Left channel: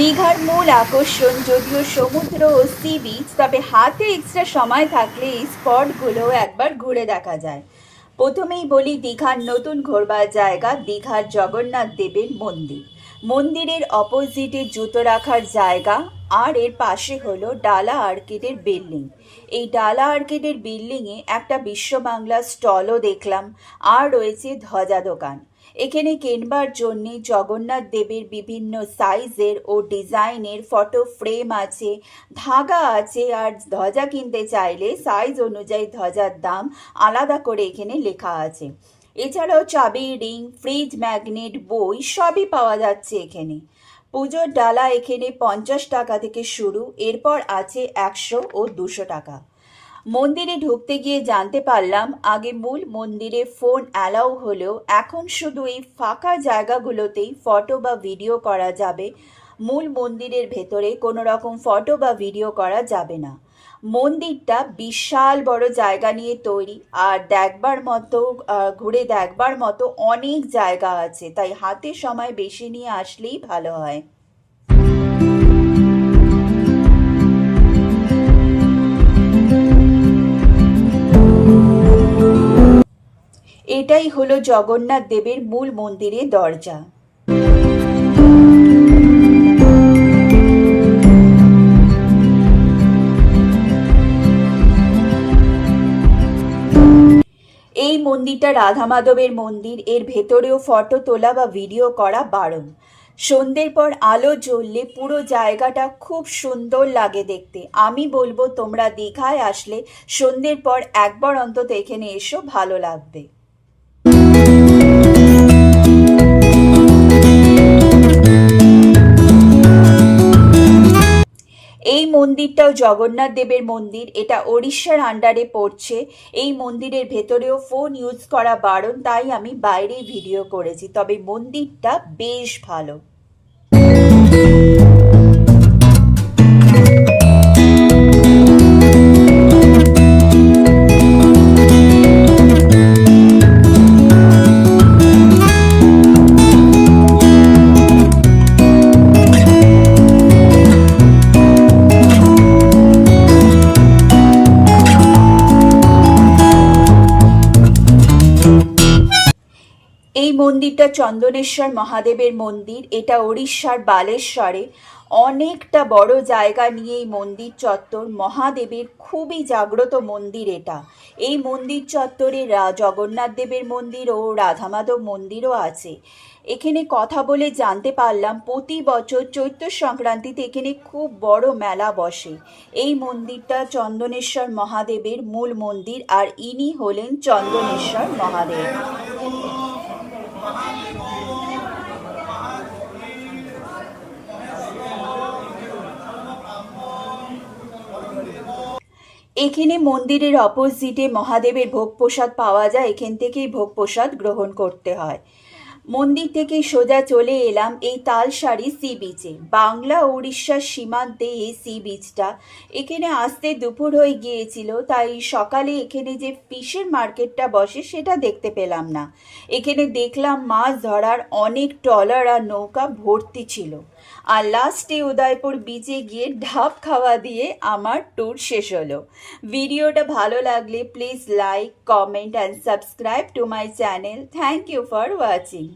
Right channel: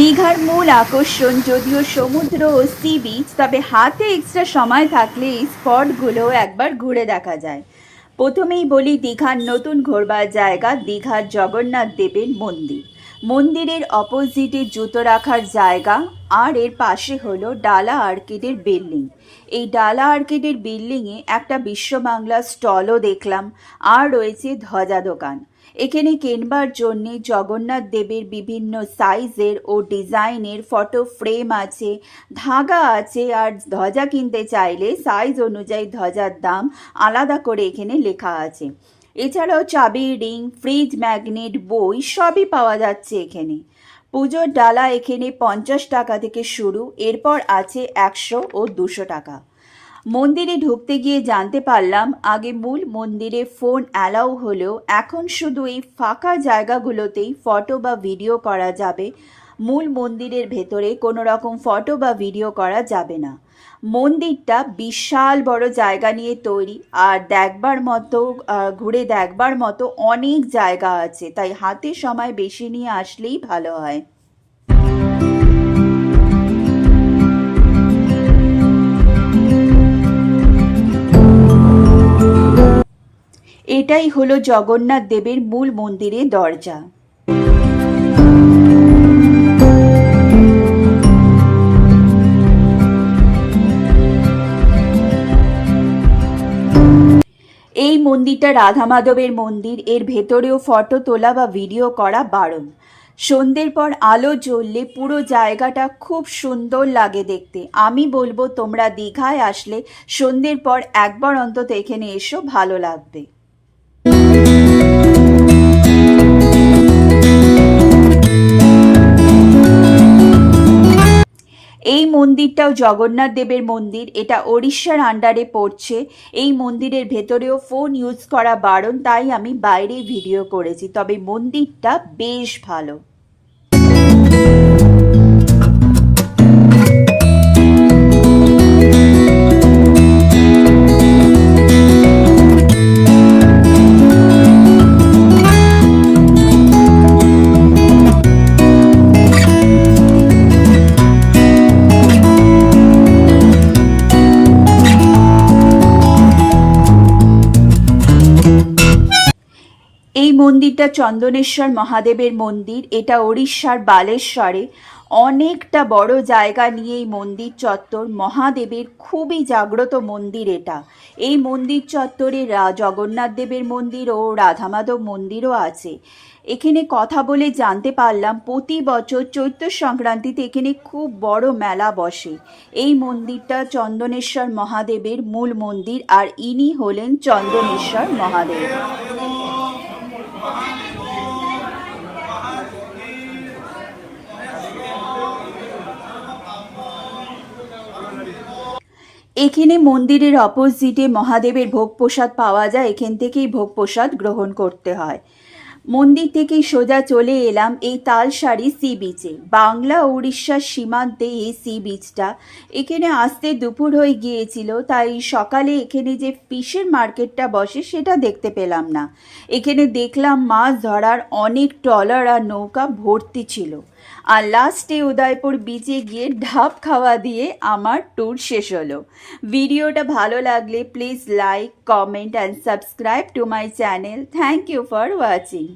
দীঘার মূল আকর্ষণ যদিও সমুদ্র ও সি বিচ, তবে হাতে এক্সট্রা সময় থাকলে এই স্পটগুলো একবার ঘুরে দেখা যায়। প্রথমেই বলি দীঘার নতুন ঘোরবার জায়গা দীঘার জগন্নাথ দেবের মন্দির। মন্দিরের অপোজিটে জুতো রাখার জায়গা, আর এর পাশে হলো ডালা আর্কেডের বিল্ডিং। এই ডালা আর্কেডের বিল্ডিংয়ে একটা বিশ্ব বাংলা স্টলও দেখলাম, আর রয়েছে ধ্বজা দোকান। এখানে কেনবার জন্যে জগন্নাথ দেবের বিভিন্ন সাইজের ও ডিজাইনের ফটো ফ্রেম আছে, ধাগা আছে, আর ধ্বজা কিনতে চাইলে সাইজ অনুযায়ী ধ্বজার দাম আলাদা করে এখানে লেখা আছে। এছাড়াও চাবি, রিং, ফ্রিজ, ম্যাগনেট, বই সবই পাওয়া যাচ্ছে এখানে। পুজোর ডালা এখানে 50 টাকা থেকে শুরু, এরপর আছে 100 ও 200 টাকা। মন্দিরে ঢুকতে গিয়ে জানতে পারলাম আগে মূল মন্দিরে ফোন অ্যালাউ হলেও এখন শুধু এই ফাঁকা জায়গাগুলোতেই ফটো বা ভিডিও করা যাবে। মূল মন্দিরের ভেতরে কোনো রকম ফটো বা ভিডিও করা যাবে না। মন্দিরটা বিশাল বড় জায়গা নিয়ে তৈরি, আর ঘুরে দেখবার মতো অনেক জায়গা আছে, তাই হাতে সময় বেশি নিয়ে আসলেই ভালো হয়। এটাই হলো জগন্নাথ দেবের মূল মন্দিরের দরজা। এই মন্দিরটা রাধা মাধবের মন্দির, এর ভেতরেও ফটো তোলা বা ভিডিও করা বারণ। সন্ধ্যের পর আলো জ্বললে পুরো জায়গাটা খুব সুন্দর লাগে দেখতে। আমি বলবো তোমরা দীঘায় আসলে সন্ধ্যের পর একবার অন্তত এখানে এসো, ভালো লাগবে। এই মন্দিরটাও জগন্নাথ দেবের মন্দির, এটা ওড়িশার আন্ডারে পড়ছে। এই মন্দিরের ভেতরেও ফোন ইউজ করা বারণ, তাই আমি বাইরেই ভিডিও করেছি, তবে মন্দিরটা বেশ ভালো। এই মন্দিরটা চন্দনেশ্বর মহাদেবের মন্দির, এটা ওড়িশার বালেশ্বরে। অনেকটা বড় জায়গা নিয়ে এই মন্দির চত্বর। মহাদেবের খুবই জাগ্রত মন্দির এটা। এই মন্দির চত্বরে জগন্নাথ দেবের মন্দির ও রাধামাধব মন্দিরও আছে। এখানে কথা বলে জানতে পারলাম প্রতি বছর চৈত্র সংক্রান্তিতে এখানে খুব বড় মেলা বসে। এই মন্দিরটা চন্দনেশ্বর মহাদেবের মূল মন্দির, আর ইনি হলেন চন্দনেশ্বর মহাদেব। এখানে মন্দিরের অপোজিটে মহাদেবের ভোগ প্রসাদ পাওয়া যায়, এখান থেকেই ভোগ প্রসাদ গ্রহণ করতে হয়। মন্দির থেকে সোজা চলে এলাম এই তালসারি সি বিচে। বাংলা উড়িষ্যার সীমান্তে এই সি বিচটা। এখানে আসতে দুপুর হয়ে গিয়েছিল, তাই সকালে এখানে যে ফিশের মার্কেটটা বসে সেটা দেখতে পেলাম না। এখানে দেখলাম মাছ ধরার অনেক ট্রলার আর নৌকা ভর্তি ছিল। আর লাস্টে উদয়পুর বিচে গিয়ে ঢাব খাওয়া দিয়ে আমার ট্যুর শেষ হলো। ভিডিওটা ভালো লাগলে please like, comment and subscribe to my channel. Thank you for watching.